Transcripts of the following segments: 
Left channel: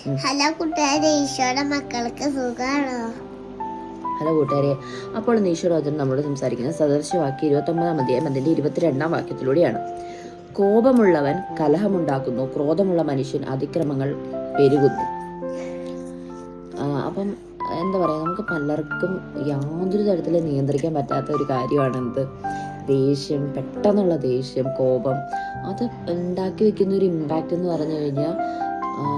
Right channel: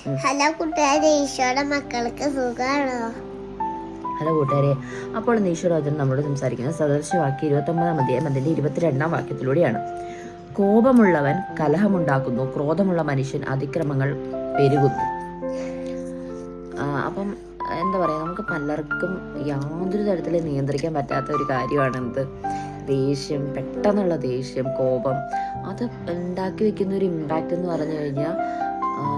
Hello കൂട്ടുകാരെ, ഈശോയുടെ മക്കൾക്ക് സുഖാണോ? ഹലോ കൂട്ടുകാരെ, അപ്പോൾ ഈശ്വരവചനം നമ്മളോട് സംസാരിക്കുന്നത് സദൃശവാക്യം 29 അധ്യായം അതിന്റെ 22 വാക്യത്തിലൂടെയാണ്. കോപമുള്ളവൻ കലഹമുണ്ടാക്കുന്നു, ക്രോധമുള്ള മനുഷ്യൻ അതിക്രമങ്ങൾ പെരുകുന്നു. അപ്പം എന്താ പറയാ, നമുക്ക് പലർക്കും യാതൊരു തരത്തിലും നിയന്ത്രിക്കാൻ പറ്റാത്ത ഒരു കാര്യമാണ് എന്ത്, ദേഷ്യം. പെട്ടെന്നുള്ള ദേഷ്യം, കോപം, അത് ഉണ്ടാക്കി വെക്കുന്ന ഒരു ഇമ്പാക്റ്റ് എന്ന് പറഞ്ഞു കഴിഞ്ഞാൽ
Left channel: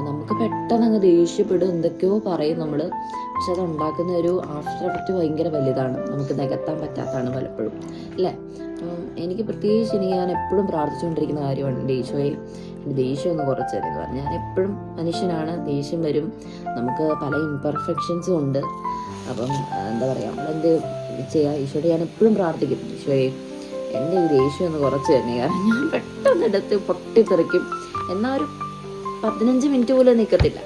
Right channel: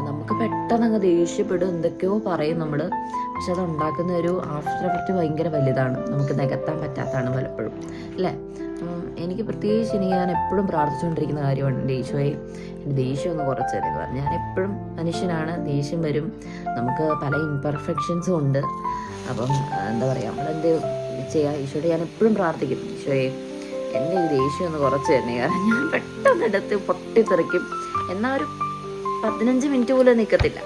നമുക്ക് പെട്ടെന്ന് അങ്ങ് ദേഷ്യപ്പെടും, എന്തൊക്കെയോ പറയും നമ്മള്. പക്ഷെ അത് ഉണ്ടാക്കുന്ന ഒരു ആഫ്റ്റർ എഫക്റ്റ് ഭയങ്കര വലുതാണ്, നമുക്ക് നികത്താൻ പറ്റാത്തതാണ് പലപ്പോഴും, അല്ലേ? എനിക്ക് പ്രത്യേകിച്ച് ഞാൻ എപ്പോഴും പ്രാർത്ഥിച്ചുകൊണ്ടിരിക്കുന്ന കാര്യമാണ്, എൻ്റെ ഈശോയെ എൻ്റെ ദേഷ്യം ഒന്ന് കുറച്ച് തരുമെന്ന് പറഞ്ഞു. ഞാൻ എപ്പോഴും മനുഷ്യനാണ്, ദേഷ്യം വരും, നമുക്ക് പല ഇംപെർഫെക്ഷൻസും ഉണ്ട്. അപ്പം എന്താ പറയുക, നമ്മളെന്ത് ചെയ്യാം, ഈശോയോട് ഞാൻ എപ്പോഴും പ്രാർത്ഥിക്കും, ഈശോയെ എൻ്റെ ഈ ദേഷ്യം ഒന്ന് കുറച്ച് തന്നെ. കാരണം ഞാൻ പെട്ടെന്ന് എടുത്ത് പൊട്ടിത്തെറിക്കും, എന്നാൽ ഒരു 15 മിനിറ്റ് പോലും നിൽക്കത്തില്ല,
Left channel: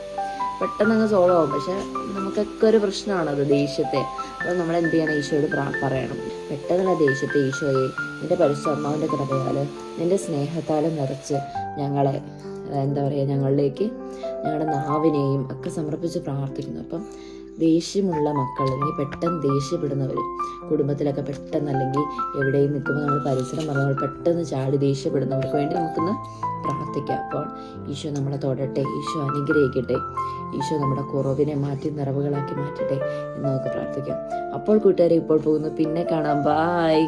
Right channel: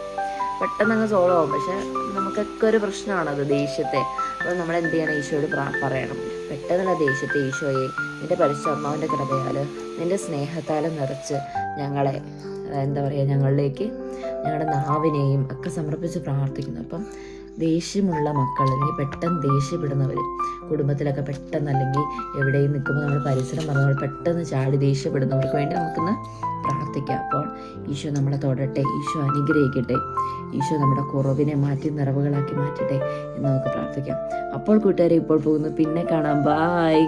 പെട്ടെന്ന് അങ്ങ് സോൾവ് ആവും. പക്ഷെ നമുക്കൊക്കെ ഒരു പ്രശ്നമാണ് അത്, ദേഷ്യത്തെ. അപ്പോൾ നമ്മൾ എന്ത് ചെയ്യണം, ഈശോയോട് പറയണം, പെട്ടെന്നുള്ള ദേഷ്യത്തെ ഈശോയെ നിന്റെ പരിശുദ്ധ അമ്മാവിൻ്റെ കൃപയാൽ നിന്റെ സ്നേഹത്താൽ നിറച്ച് ഞങ്ങളെ എന്താ പറയുക, ഞങ്ങളിലേക്ക് ഞങ്ങളുടെ നാവിനെയും ഒക്കെ സമർപ്പിച്ച് പ്രാർത്ഥിക്കുന്നു. അപ്പം ദേഷ്യമുള്ള മക്കൾ, അല്ലെങ്കിൽ പെട്ടെന്ന് ദേഷ്യപ്പെടുന്നവർ, കുടുംബത്തിലൊക്കെ പെട്ടെന്ന് അല്ലെങ്കിൽ എവിടെയും നിൽക്കുമ്പോൾ നമ്മൾ പരിസരം പറഞ്ഞാൽ പെട്ടെന്ന് ചാടി ദേഷ്യപ്പെടുന്നവർക്ക് വേണ്ടി നമുക്കിന്ന് പ്രാർത്ഥിക്കാം. അപ്പോൾ ഈശോ നമ്മളെ തൊടട്ടെ, ഈശോ അനുഗ്രഹിക്കട്ടെ, ഈശോ നമ്മുടെ കുറവിനെ മാറ്റി നിറവുകളാക്കി മാറ്റട്ടെ എന്ന് നമുക്ക് പ്രാർത്ഥിക്കാം. അപ്പോൾ കൂട്ടുകാരെ, ഇപ്പോൾ പോകുന്നു, പിന്നെ കാണാം, ബായ്.